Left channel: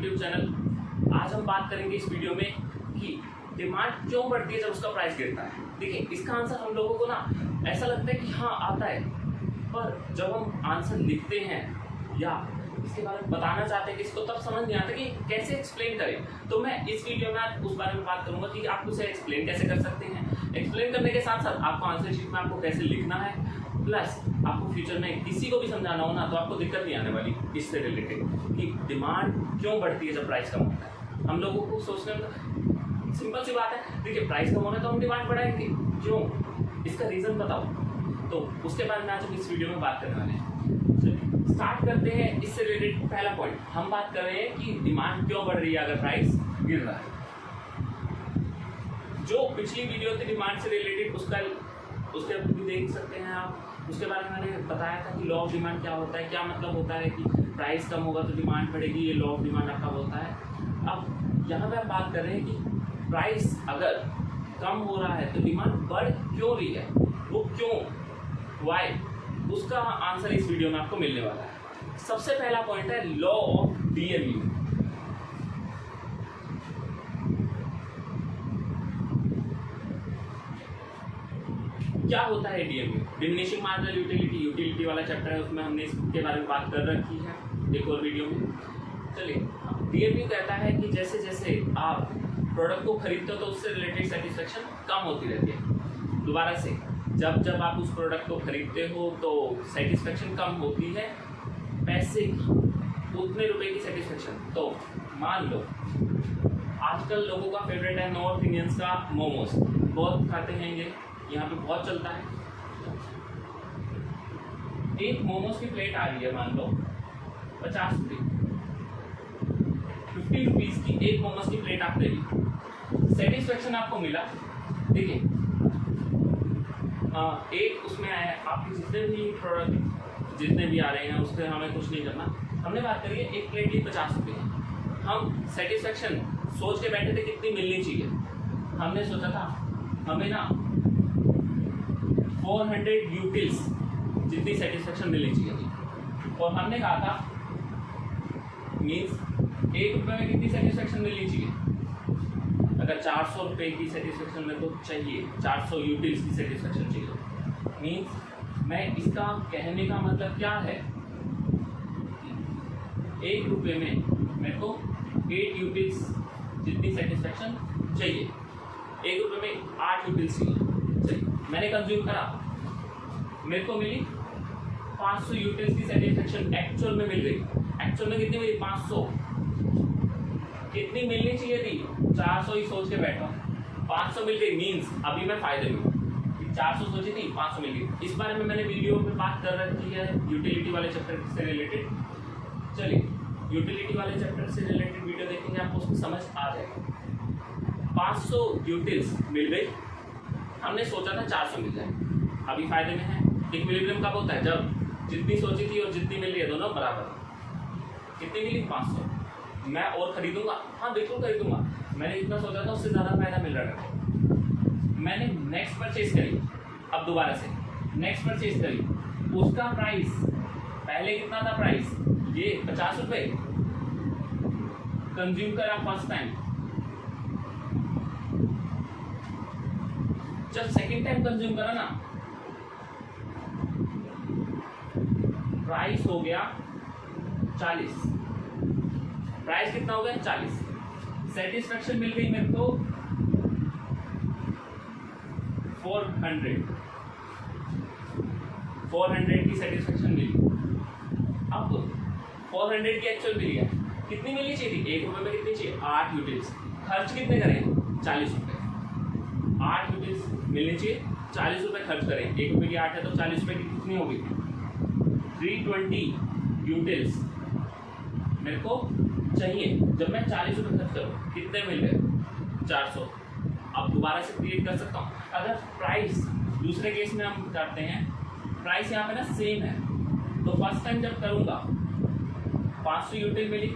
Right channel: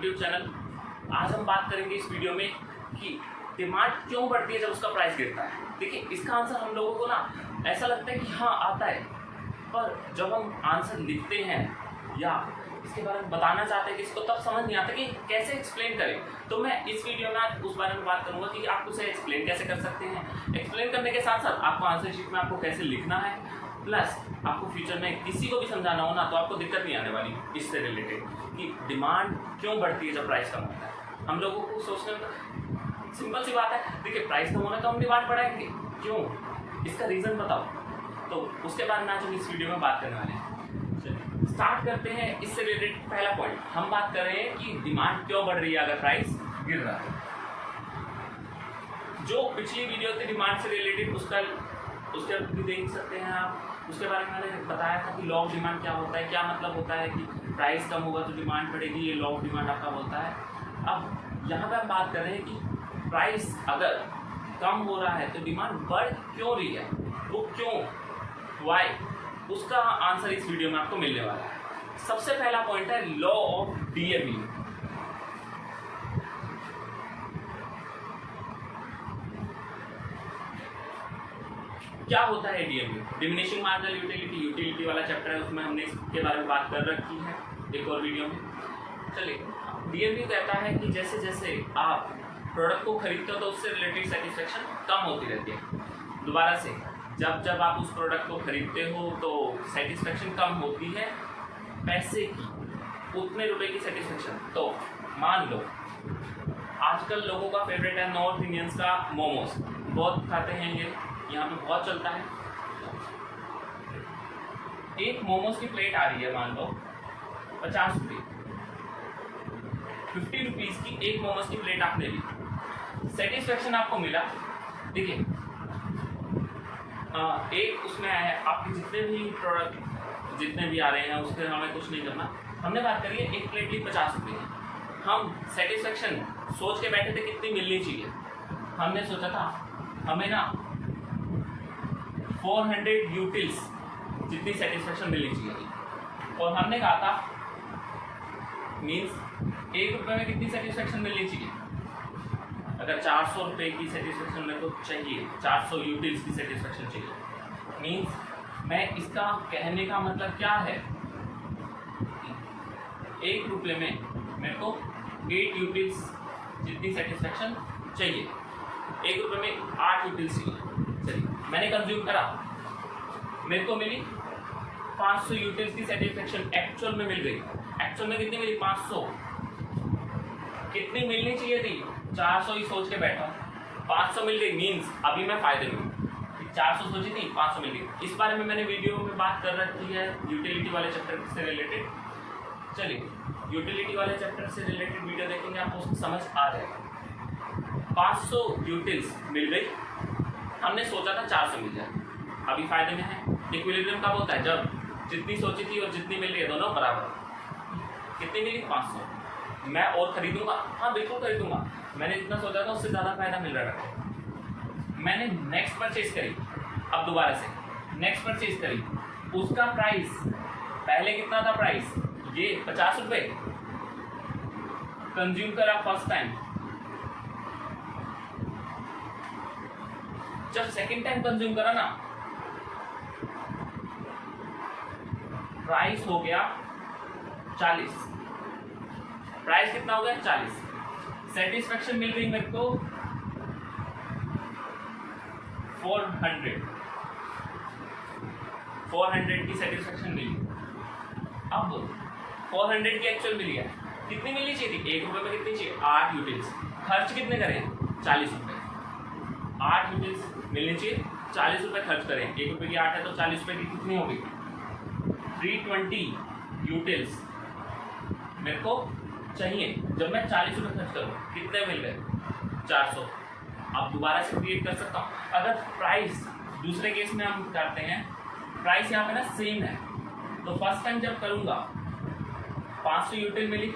YouTube channel. आज हम बात करेंगे इस वीडियो में कि डिमांड क्यों बढ़ती है जब उसका प्राइस गिरता है। देखिए, इसका आंसर हम लोगों को ना ऐसा लगता है कि हाँ आता है, पर जब हम आंसर लिखते हैं या इसके बारे में बताना चाहते हैं कि इसको तब समझ नहीं आता कि कैसे एक्सप्लेन करें। तो मैं इस वीडियो में आज उस बारे में बात करूंगा कि आप उसे एक्सप्लेन कैसे कर सकते हैं। एक्सप्लेन करने के साथ साथ आपको आंसर शीट में आपको कैसे लिखना है, प्लस आपको फ्यूचर में किसी को भी समझाना हो ना तो आपको दिक्कत नहीं आने वाली इससे रिलेटेड कि डिमांड क्यों बढ़ती है जब प्राइस कम होता है। हम लोगों को सोचने में सिंपल सी बात है, देखिए प्राइस कम होना तो हम डिमांड बढ़ाएंगे, क्यों, इसका रीज़न बताओ। तो उसके बारे में आज हम इस वीडियो में बात करने वाले हैं। स्टार्ट करते हैं इससे रिलेटेड। पहला पॉइंट हम बात कर रहे हैं कि डिमांड क्यों बढ़ रही है अगर प्राइस गिर रहा है। जो पिछली वीडियो थी डिमांड से रिलेटेड उसके भी देख सकते हैं आप। उसके बारे में मैंने बताया था कि लॉ ऑफ डिमांड क्या होता है, क्या मतलब होता है कि प्राइस कम होगा तो डिमांड बढ़ेगी, ये लॉ ऑफ डिमांड आपका होता है। अब यहाँ पर हम बात कर रहे हैं कि प्राइस अगर कम हो रहा है तो डिमांड बढ़ क्यों रही है, वो क्यों, वाई, उसका आंसर इस वीडियो में आपको मिलने वाला है। सबसे पहला पॉइंट है लॉ ऑफ डीएमयू। क्या होता है डीएमयू? डिमिनिशिंग मार्जिनल यूटिलिटी वाला चैप्टर है, उसमें हमने इसके बारे में बात कर रखी है एक और वीडियो में। चलिए, डीएमयू कहता है कि जैसे जैसे आप प्रोडक्ट को खरीदते हो तो उससे रिलेटेड सेटिस्फेक्शन कम होती रहती है। दोबारा से, जब आप उस प्रोडक्ट को खरीदते हो तो सेटिस्फेक्शन कम होती है, पैसे की उतने रुपए की सेटिस्फेक्शन। तो मान लो आजकल लोगों का फेवरेट है नॉर्थ इंडियंस का मोमोज, बहुत खाते हैं ये, यहाँ पे बहुत चलता है। एक मोमोज की प्लेट आ रही है मान लो 50 रुपये, 50 रुपीज़ की एक मोमोज की प्लेट आप ले ली, सेटिस्फेक्शन आपको मिला। देखिए, एक उसमें है आपके जितने भी प्रोडक्ट जितने भी आ रहे हैं उससे हमें कुछ नहीं करना। हमने बात करी है एक प्लेट की 50 रुपये। हम सेटिस्फेक्शन सोच के बैठे थे कितनी मिलनी चाहिए। हमने सोचा था हमें ना 400 यूटिल्स जितनी सेटिस्फेक्शन मिलनी चाहिए, और हमने कहा था मीन्स ₹1 में कितनी सेटिस्फेक्शन मिलनी चाहिए। अगर 400 रुपये की सेटिस्फेक्शन मेरे को चाहिए, 400 यूटिल्स की सेटिस्फेक्शन चाहिए, मीन्स मैं इसका कहने का मतलब क्या है, ₹1 में मेरे को 8 यूटिल्स जितनी सेटिस्फेक्शन चाहिए, ₹1 में 8 यूटिल्स चाहिए। चलिए, मैंने कंज्यूम करा, मेरे को मिली 500 यूटिल्स की सेटिस्फेक्शन एक्चुअल में मिल गई। एक्चुअल में कितनी मिली? 500। कितनी मिलनी चाहिए थी? 400 ही सोच के बैठा, 500 मिल गई, मीन्स अभी मैं फायदे में हूँ। 400 सोची थी, 500 मिल गई। इस बारे में मैंने वीडियो में बात कर रखी है यूटिलिटी वाले चैप्टर से रिलेटेड। चलिए, यूटिलिटी वाले चैप्टर से रिलेटेड वीडियो देखेंगे, आपको उसकी समझ आ जाएगी। 500 यूटिल्स मिल गई, हमने सोचा था 400 मिल जाए, अभी फायदे में है। इक्विलिब्रियम कब होता है? जब जितनी सोची थी और जितनी मिल रही है दोनों बराबर। कितनी मिली? 500। मैं और खरीदूंगा? हाँ बिल्कुल खरीदूंगा, मैंने जितना सोचा था उससे ज़्यादा फायदा मिल रहा है। मैंने नेक्स्ट परचेज करी, अब दोबारा से नेक्स्ट परचेज करी, उसका प्राइस पहले कितना था? प्राइस ये 50 रुपये, कंज्यूम करा फर्स्ट टाइम। जब सेकेंड टाइम कंज्यूम करा ना, प्राइस हो गया 40। प्राइस कितना हो गया? 40। सेटिस्फेक्शन मिल गई मेरे को 400 की सेटिस्फेक्शन मिली। अब 400 की एक्चुअल मिली है, कितनी मिलनी चाहिए थी? ₹1 में कितनी चाहिए? 8 यूटिल्स। खर्च कितने करें? 40 रुपये। 8 यूटिल्स मिलनी चाहिए, 40 रुपये खर्च करें। ₹1 की 8 है तो 40 रुपये की कितनी होगी? 320 यूटिल्स मेरे को चाहिए। जब मैं 40 रुपये खर्च करूँ, कितने मिल रहे? 400। अब दोबारा से क्रिएट कर सकता हूँ। अगर प्राइस दूसरे केस में हम करते हैं, प्राइस यहाँ पे ना सेम है, तो फर्स्ट टाइम जब करूँगा 500 यूटिल मिली,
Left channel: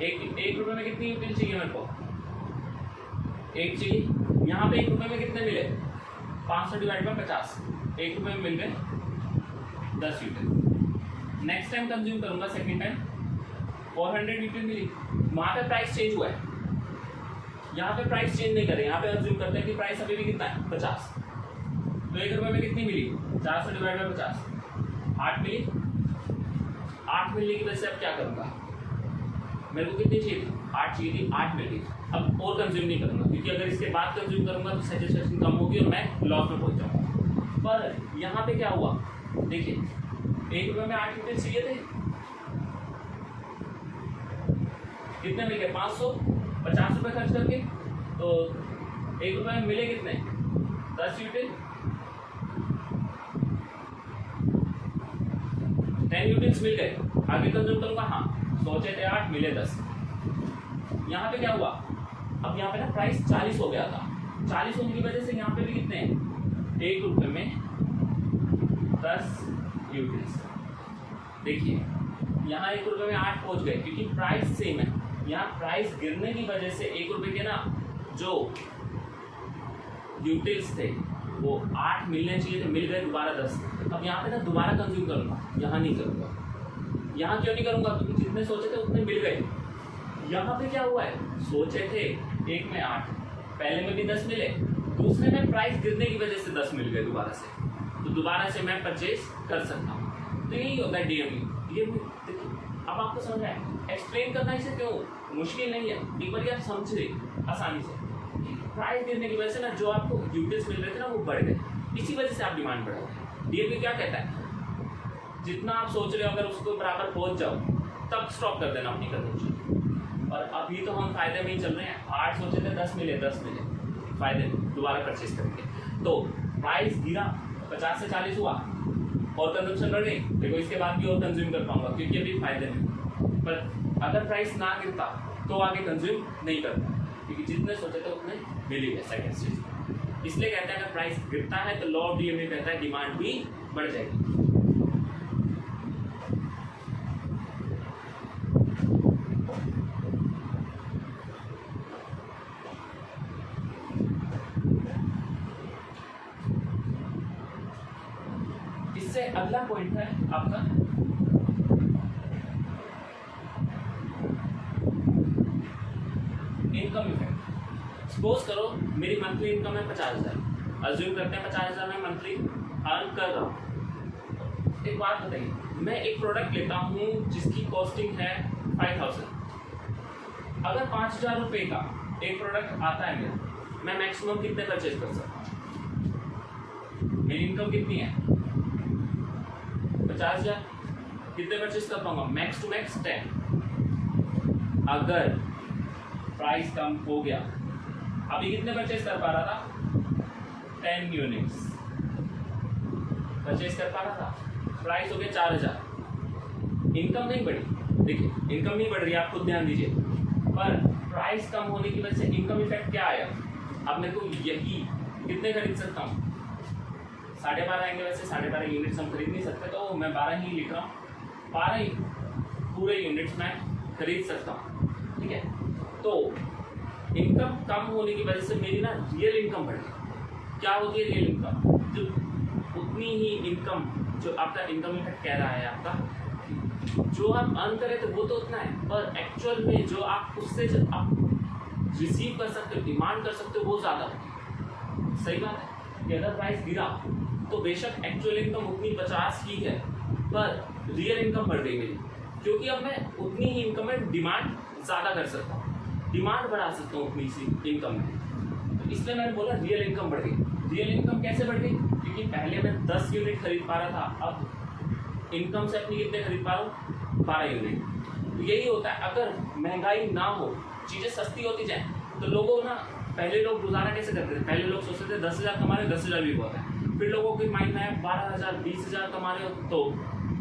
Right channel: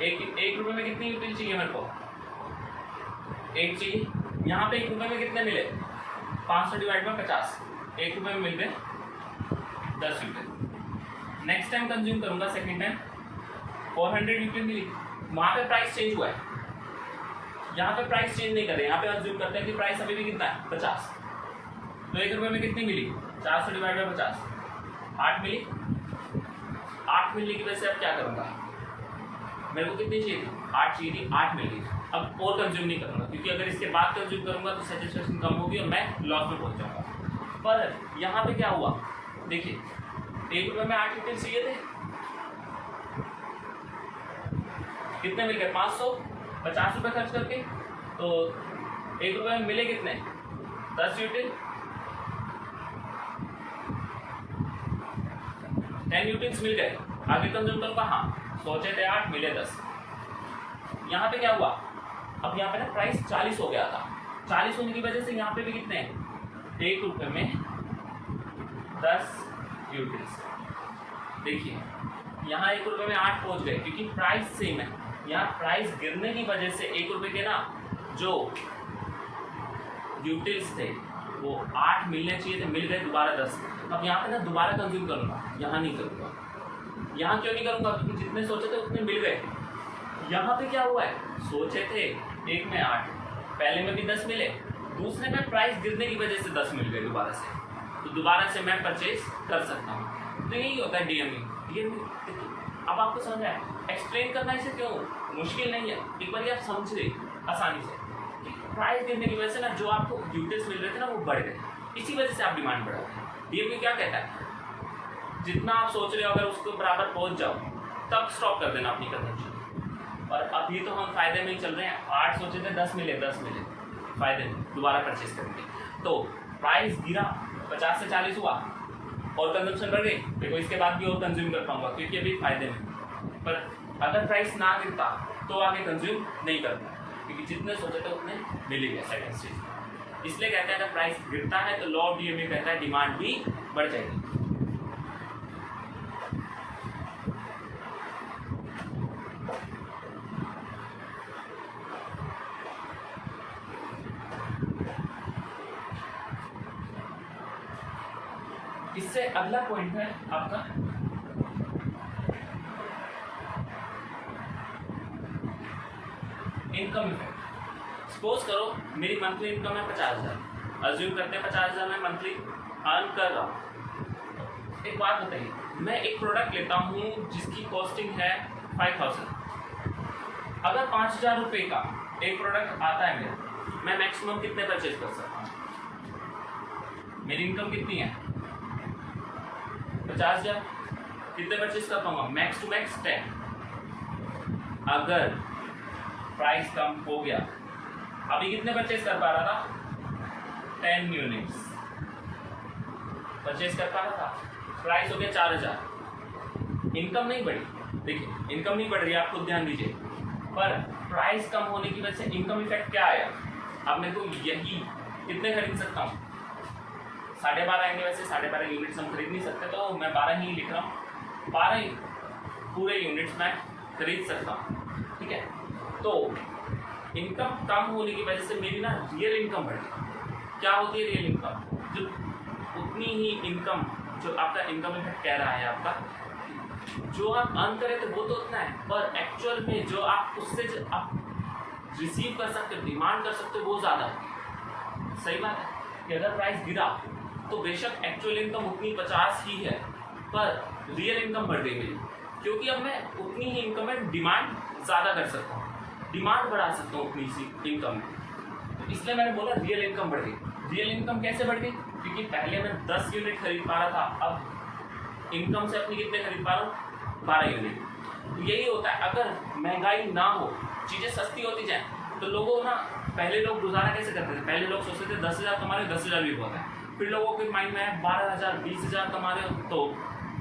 ₹1 में कितनी यूटिल चाहिए मेरे को? 1 चाहिए। यहाँ पे ₹1 में कितने मिले? 500 डिवाइड बाय 50, ₹1 में मिल गए 10 यूटिल। नेक्स्ट टाइम कंज्यूम करूँगा, सेकेंड टाइम 400 यूटिल मिली, वहाँ पे प्राइस चेंज हुआ है, यहाँ पे प्राइस चेंज नहीं कर रहे, यहाँ पे अज्यूम करते हैं कि प्राइस अभी भी कितना है 50। तो 1 रुपये में कितनी मिली, 400 डिवाइड बाई 50, 8 मिली। 8 मिलने की वजह से अब क्या करूँगा, मेरे को कितनी चाहिए थी, 8 चाहिए थी, 8 मिल गई। अब और कंज्यूम नहीं करूँगा, क्योंकि अगर इसके बाद कंज्यूम करूँगा तो सेटिस्फेक्शन कम होगी और मैं लॉस में पहुँच जाऊँगा। पर यहाँ पे क्या हुआ, देखिए 1 रुपये में 8 यूनिट चाहिए थे, कितने मिल गए, 550 रुपये खर्च करके। तो 1 रुपये में मिले कितने, 10 यूनिट, 10 यूनिट्स मिल गए। आगे कंज्यूम करूँगा, हाँ सोचे थे 8 मिले 10। यहाँ पे क्या हुआ, अब यहाँ पे ना प्राइस 40 हो गया था, 40 होने की वजह से यहाँ पे भी कितने हैं, 1 रुपये में 10 यूनिट्स। देखिए यहाँ 1 रुपये में 8 पहुँच गए, क्योंकि प्राइस सेम है। यहाँ प्राइस गिरने की वजह से 1 रुपये के ना जो यूटिल्स थे वो 8 मिलने चाहिए थे, मिल गए दोबारा 10। अब यहाँ पे ना दोबारा कंज्यूम करूँगा, यहाँ नहीं करूँगा। यहाँ क्यों नहीं करूँगा, क्योंकि जितने सोचे थे उतने मिल गए। यहाँ पे क्या हुआ है, सोचे थे 1 में 8, पहले में भी 10 मिले, दूसरे में प्राइस गिरने की वजह से 10 मिल गए दोबारा से, तो दोबारा से मैं परचेज कर सकता हूँ। तो यही होता है डीएमई। अब आपको समझ आया, एक्सप्लेन करना इसे क्यों मुश्किल नहीं है, एक बार आप समझ रहे आसानी से। प्राइस गिरने की वजह से ना जो आपको यूटिल्स मिल रहे थे ना वो बढ़ गए, इसी वजह से आप डिमांड बढ़ा है। डीएमई क्या कहता है, जितना आप सोच रहे हो अगर उसको बराबर पहुंच जाओ तब स्टॉप कर देना अपनी कंजम्पशन। और अभी तो हम फायदे में ही चल रहे हैं, 8 सोचे थे 10 मिले, 10 मिले, फायदे में दोबारा परचेज करेंगे। तो प्राइस गिरा, 50 से 40 हुआ और कंजम्पशन बढ़ गई, देखो इसके बाद भी और कंज्यूम कर पाऊंगा क्योंकि अभी फायदे में। पर अगर प्राइस ना गिरता तो आगे कंज्यूम नहीं करता, क्योंकि जितने सोचे थे उतने मिल ही गए सेकंड स्टेज। इसलिए कहते हैं अगर प्राइस गिरता है तो लॉ ऑफ डीएमई कहता है डिमांड भी बढ़ जाएगी। इससे अगला पॉइंट है आपका इनकम इफेक्ट। सपोज करो मेरी मंथली इनकम है 50,000, अज्यूम करते हैं 50,000 में मंथली अर्न कर रहा हूँ। एक बात बताइए, मैं एक प्रोडक्ट लेता हूँ जिसकी कॉस्टिंग है 5,000, अगर 5,000 रुपये का एक प्रोडक्ट आता है मेरा, मैं मैक्सिमम कितने परचेज कर सकता हूँ, मेरी इनकम कितनी है 50,000, कितने परचेज कर पाऊंगा, मैक्स टू मैक्स 10। अगर प्राइस कम हो गया, अभी कितने परचेज कर पा रहा था, 10 यूनिट्स परचेज कर पा रहा था, प्राइस हो गया 4,000, इनकम नहीं बढ़ी। देखिए इनकम नहीं बढ़ रही, आप खुद ध्यान दीजिए, पर प्राइस कम होने की वजह से इनकम इफेक्ट क्या आया, अब मेरे को यही कितने खरीद सकता हूँ, 12.5 आएंगे। वैसे 12.5 यूनिट्स हम खरीद नहीं सकते, तो मैं 12 ही लिख रहा हूँ, 12 ही पूरे यूनिट्स मैं खरीद सकता हूँ, ठीक है। तो इनकम कम होने की वजह से मेरी ना रियल इनकम बढ़ गई। क्या होती है रियल इनकम, जो उतनी ही इनकम जो आपका इनकम इफेक्ट कह रहा है आपका, जो आप अर्न करें तो वो तो उतना है, पर एक्चुअल में जो आप उससे जो आप रिसीव कर सकते हो, डिमांड कर सकते हो, वो ज़्यादा है। सही बात है कि अगर प्राइस गिरा तो बेशक एक्चुअल इनकम उतनी 50 ही है, पर रियल इनकम बढ़ गई मेरी, क्योंकि अब मैं उतनी ही इनकम में डिमांड ज़्यादा कर सकता हूँ, डिमांड बढ़ा सकता हूँ उतनी सी इनकम में। तो इसलिए मैंने बोला रियल इनकम बढ़ गई। रियल इनकम कैसे बढ़ गई, क्योंकि पहले मैं 10 यूनिट खरीद पा रहा था, अब इनकम से अपनी कितने खरीद पा रहा हूँ, 12 यूनिट। तो यही होता है, अगर महंगाई ना हो, चीज़ें सस्ती होती जाए, तो लोगों ना पहले लोग गुजारा कैसे करते थे, पहले लोग सोचते थे 10,000 कमा रहे, 10,000 भी बहुत है। फिर लोगों के माइंड में है 12,000 20,000 कमा रहे हो, तो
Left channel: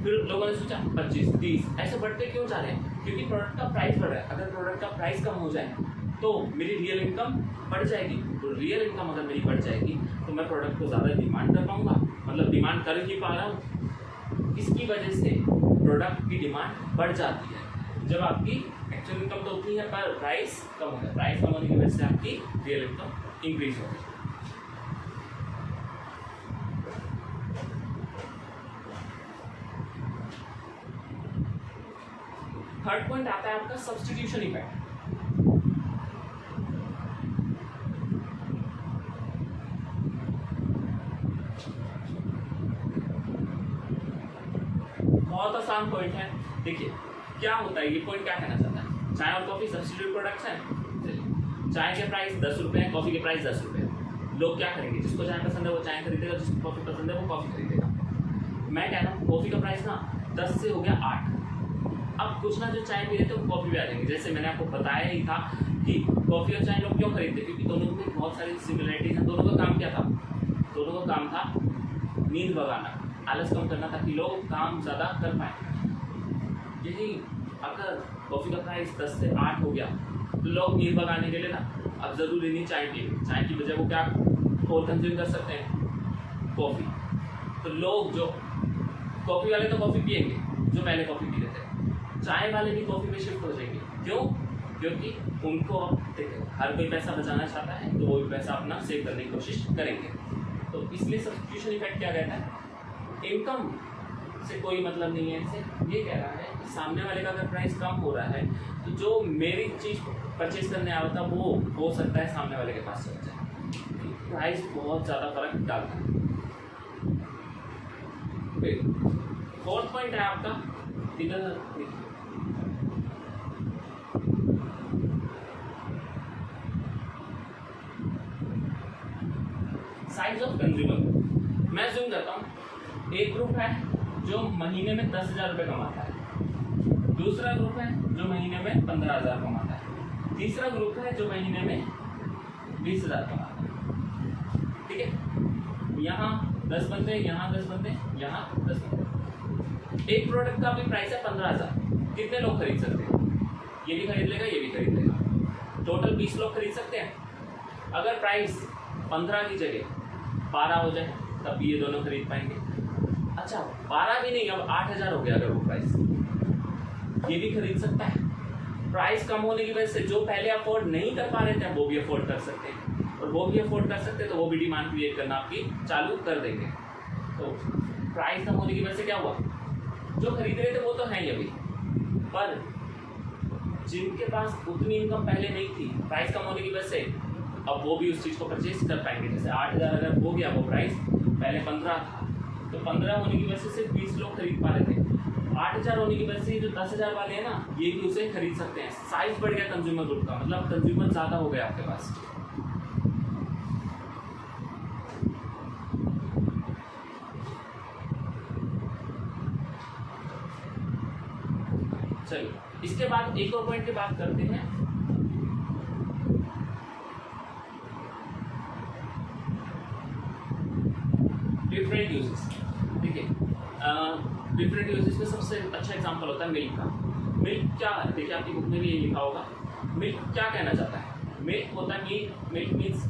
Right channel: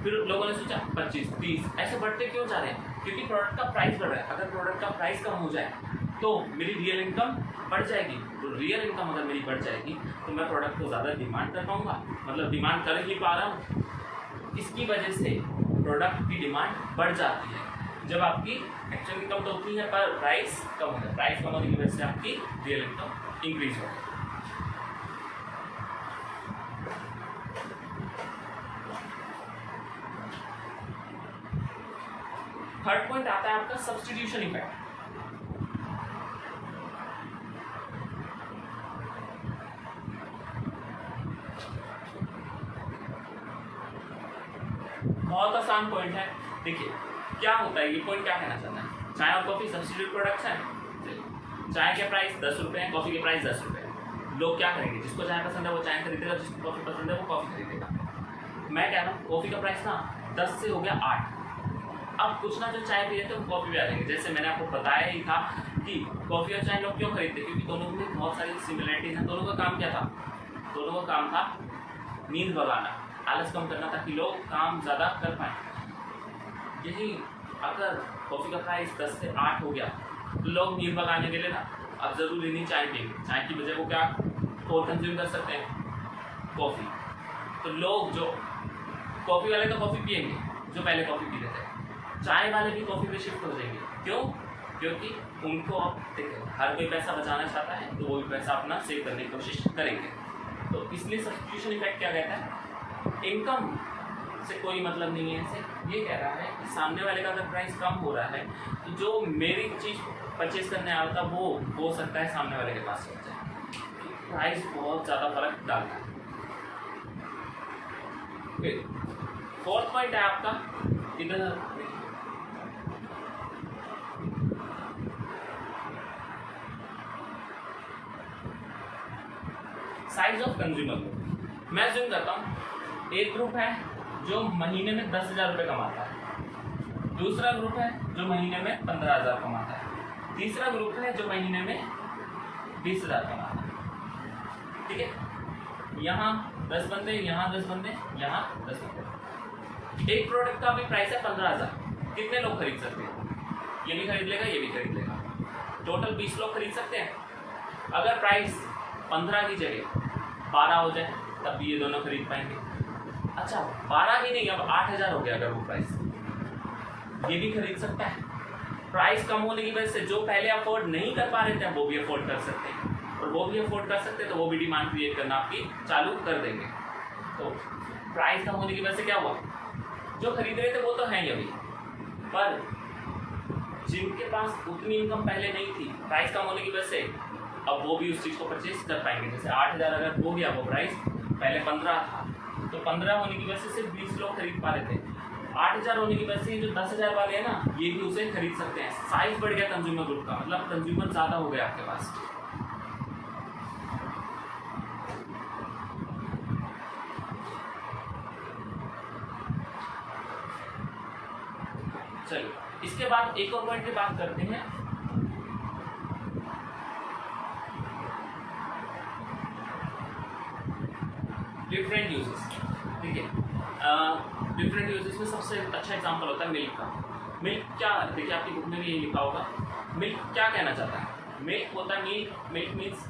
फिर लोगों ने सोचा 25 30 ऐसे बढ़ते क्यों जा रहे हैं, क्योंकि प्रोडक्ट का प्राइस बढ़ रहा है। अगर प्रोडक्ट का प्राइस कम हो जाए तो मेरी रियल इनकम बढ़ जाएगी, तो रियल इनकम अगर मेरी बढ़ जाएगी तो मैं प्रोडक्ट को ज़्यादा डिमांड कर पाऊँगा, मतलब डिमांड कर ही पा रहा हूँ। इसकी वजह से प्रोडक्ट की डिमांड बढ़ जाती है। जब आपकी एक्चुअल इनकम तो उतनी है पर प्राइस कम होता है, प्राइस कम होने की वजह से आपकी रियल इनकम इंक्रीज होगी। थर्ड पॉइंट आता है आपका सब्स्टिट्यूशन इफेक्ट। बहुत आसान पॉइंट है। देखिए क्या होता है, ये पॉइंट क्या कहना चाहता है, चाय और कॉफी सब्स्टिट्यूट प्रोडक्ट्स हैं। चाय के प्राइस 10 रुपये हैं, कॉफी के प्राइस 10 रुपये हैं। लोग क्या करेंगे, जिसको चाय पसंद है वो चाय खरीदेगा, जिसको कॉफी पसंद है वो कॉफी खरीदेगा। मैं कह रहा हूँ कॉफी का प्राइस ना 10 से हो गया 8। अब कुछ ना जो चाय पी रहे थे वो कॉफी भी आ जाएंगे। जैसे मैंने आपको बताया ही था कि कॉफी और चाय लोग क्यों खरीदते, क्योंकि दोनों में बहुत सारी सिमिलरिटीज हैं। दोनों का काम क्या था, दोनों का काम था नींद भगाना, आलस कम करना, ताकि लोग काम ज़्यादा कर पाएँ। यही अगर कॉफ़ी का प्राइस 10 से 8 हो गया तो लोग नींद भगाने के लिए ना अब ज़रूरी नहीं चाय पिएंगे, चाय की वजह वो क्या और कंज्यूम कर सकते हैं, कॉफ़ी। तो लोग जो कॉफ़ी वाले तो कॉफ़ी पिएंगे जो पहले कॉफ़ी पी रहे थे, चाय वाले भी कॉफ़ी पे शिफ्ट हो जाएंगे। क्यों? क्योंकि उनको अब देखो हर कोई पैसा बचाना चाहता है, तो वो भी पैसा अपना सेव करने की कोशिश करेंगे। तो इसलिए सब्स्टिट्यूशन इफेक्ट क्या कहता है, इनकम से कोई मतलब नहीं है। इसे ये कह रहा है कि सामने वाले का अगर प्राइस कम हो रहा है तो जो मेरी चीज़ परचेज करने आया था वो हो सकता है सामने वाले के पास चल जाए। प्राइस बहुत ज़्यादा फर्क डालता है। फिर फोर्थ पॉइंट है आपका इधर, साइज ऑफ कंज्यूमर। मैं जूम करता हूँ, एक ग्रुप है जो महीने में 10,000 रुपये कमाता है, दूसरा ग्रुप है जो महीने में 15,000 कमाता है, तीसरा ग्रुप है जो महीने में 20,000 कमाता है। ठीक है, यहाँ 10 बंदे, यहाँ 10 बंदे, यहाँ 10 बंदे। एक प्रोडक्ट का अभी प्राइस है 15,000। कितने लोग खरीद सकते हैं? ये भी खरीद लेगा, ये भी खरीद लेगा, टोटल 20 लोग खरीद सकते हैं। अगर प्राइस 15 की जगह 12 हो जाए तब भी ये दोनों खरीद पाएंगे। अच्छा 12 भी नहीं, अब 8,000 हो गया अगर वो प्राइस, ये भी खरीद सकता है। प्राइस कम होने की वजह से जो पहले अफोर्ड नहीं कर पा रहे थे वो भी अफोर्ड कर सकते हैं, और वो भी अफोर्ड कर सकते हैं तो वो भी डिमांड क्रिएट करना आपकी चालू कर देंगे। तो प्राइस कम होने की वजह से क्या हुआ, जो खरीद रहे थे वो तो हैं ही अभी, पर जिनके पास उतनी इनकम पहले नहीं थी, प्राइस कम होने की वजह से अब वो भी उस चीज़ को परचेज कर पाएंगे। जैसे 8,000 अगर हो गया वो प्राइस, पहले 15 था, तो 15 होने की वजह से सिर्फ 20 लोग खरीद पा रहे थे। 8,000 होने की वजह से जो 10,000 वाले हैं ना, ये भी उसे खरीद सकते हैं। साइज बढ़ गया कंज्यूमर ग्रुप का, मतलब कंज्यूमर ज़्यादा हो गया आपके पास। चलिए इसके बाद एक और पॉइंट की बात करते हैं, डिफरेंट यूजेस। ठीक है, डिफरेंट यूजेस में सबसे अच्छा एग्जांपल होता है मिल्क का। मिल्क क्या, देखिए आपकी बुक में भी ये लिखा होगा, मिल्क क्या कहना चाहता है। मिल्क होता है, मिल्क मीन्स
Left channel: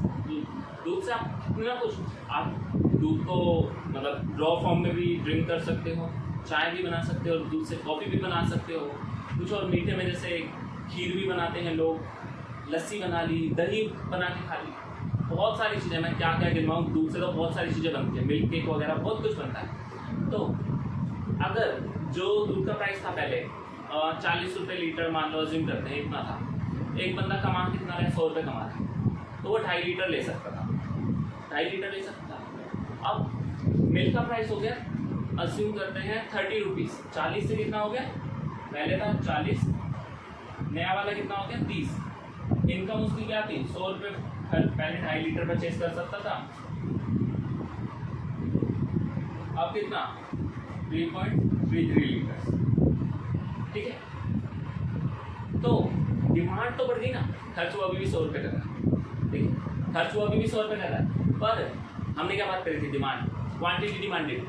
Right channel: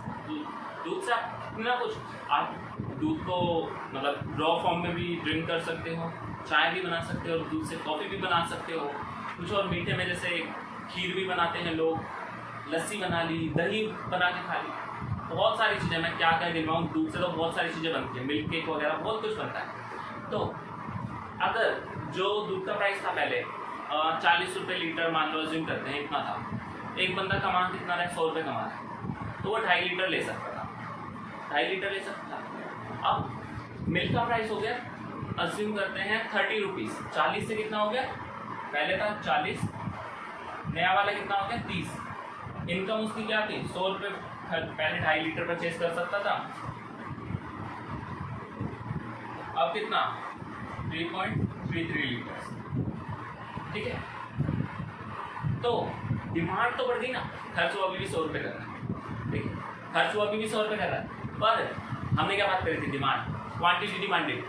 दूध से आप कितना कुछ, आप दूध को मतलब रॉ फॉर्म में भी ड्रिंक कर सकते हो, चाय भी बना सकते हो, दूध से कॉफ़ी भी बना सकते हो, कुछ और मीठे में जैसे खीर भी बनाते हैं लोग, लस्सी बना ली, दही बना के खा ली, बहुत सारी चीज़ें, मैं क्या क्या गिनवाऊँ, दूध से तो बहुत सारी चीज़ें बनती हैं, मिल्क केक वगैरह बहुत कुछ बनता है। तो अगर जो दूध का प्राइस था पहले 40 रुपये लीटर, मान लो अज्यूम करते हैं इतना था, एक बंदा कमा कितना रहा है, 100 रुपये कमा रहा है, तो वो 2.5 लीटर ले सकता था, 2.5 लीटर ले सकता था। अब मिल्क का प्राइस हो गया, अज्यूम करते हैं 30 रुपीज़, 40 से कितना हो गया, पहले था 40, नया वाला कितना हो गया 30। इनकम उसकी क्या थी, 100 रुपये, पहले 2.5 लीटर परचेज कर सकता था, अब कितना 3.33 लीटर। ठीक है, तो डिमांड तो बढ़ गई ना, खर्च वो अभी भी 100 रुपये कर रहा है। ठीक है, खर्च वो अभी भी 100 रुपये कर रहा है, पर हमने क्या बात करी थी, demand, quantity demanded.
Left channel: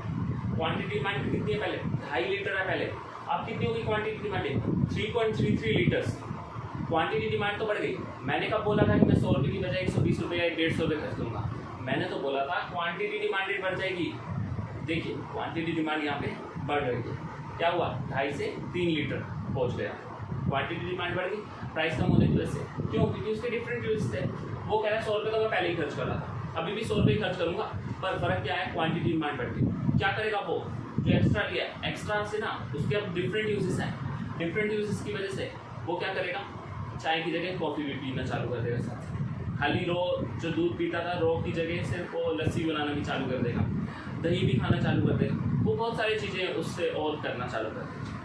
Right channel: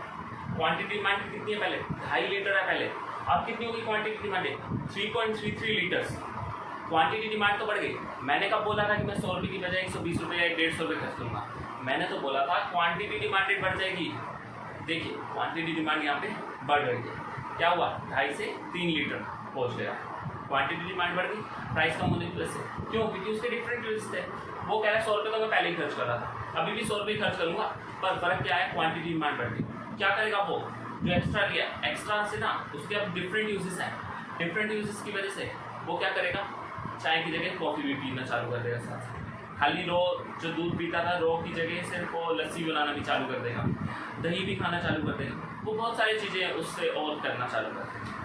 Quantity demand कितनी है, पहले 2.5 लीटर है पहले, अब कितनी होगी quantity demanded, 3.33 litres. Quantity demand तो बढ़ गई। मैंने कब बोला था कि मैं 100 रुपये की बजाय 120 रुपये या 150 रुपये खर्च लूँगा, मैंने तो बोला था क्वांटिटी डिमांडेड बढ़ जाएगी। देखिए क्वांटिटी डिमांड यहाँ पे बढ़ रही है, क्या हुआ, 2.5 से 3 लीटर पहुँच गया, क्वांटिटी डिमांड बढ़ गई, प्राइस कम होने की वजह से। क्यों, क्योंकि उसके डिफरेंट यूज थे। वो कह रहा है 100 रुपये तो मैं पहले ही खर्च कर रहा था, अभी भी 100 रुपये खर्च करूँगा, पर फर्क क्या है, क्वांटिटी डिमांड बढ़ गई। क्या करेगा वो, जो एक्स्ट्रा लिया, एक्स्ट्रा से ना उसके अब डिफरेंट यूजेस हैं, डिफरेंट यूजेस की वजह से वो क्या करेगा, चाय की जगह कॉफ़ी भी पीना चालू कर देगा साथ साथ। खाली रो जो दूध पीता था रो की जगह सिर्फ वो लस्सी बनाना भी चालू कर देगा, दही भी खाना चालू कर देगा, वो बहुत सारी चीज़ें उससे और करना चालू कर देगा।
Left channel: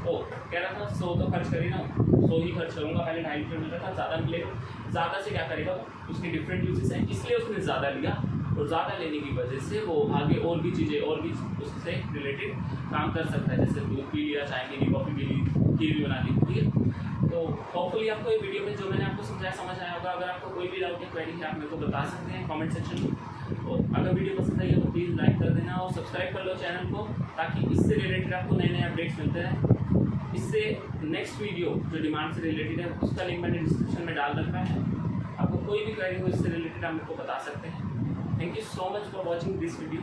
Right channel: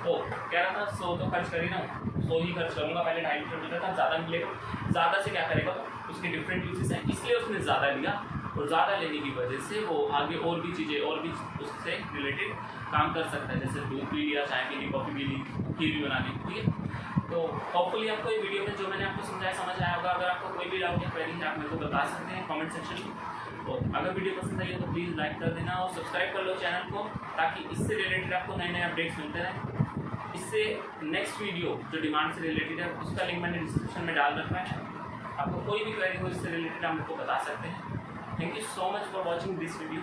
ओ कह रहा था 100 तो खर्च करी ना, 100 ही खर्च करूँगा, पहले 2.5 लीटर मिल रहा था, ज़्यादा मिलेगा, ज़्यादा से क्या करेगा, उसके डिफरेंट यूजेस हैं इसलिए उसने ज़्यादा लिया, और ज़्यादा लेने की वजह से वो आगे और भी चीज़ें और भी उससे रिलेटेड काम कर सकता है, जैसे दूध पी लिया, चाय पी ली, कॉफ़ी पी ली, खीर भी बना ली, ठीक है। तो होपफुली आपको ये वीडियो में जो मैंने आपको समझाया समझ आया होगा। अगर आपको कोई भी डाउट या क्वेरी है आप मेरे को बता सकते हैं कमेंट सेक्शन में। और अगर वीडियो पसंद आई है तो प्लीज़ लाइक कर देना और सब्सक्राइब कर लो चैनल को, ताकि इससे रिलेटेड आपको नए नए अपडेट्स मिलते रहें। इससे नेक्स्ट वीडियो जो डिमांड से रिलेटेड है उसका लिंक मैंने डिस्क्रिप्शन में डाल रखा है, आपको कोई भी क्वेरी हो इससे रिलेटेड आप मेरे को बता सकते हैं। Thank you so much for watching this video.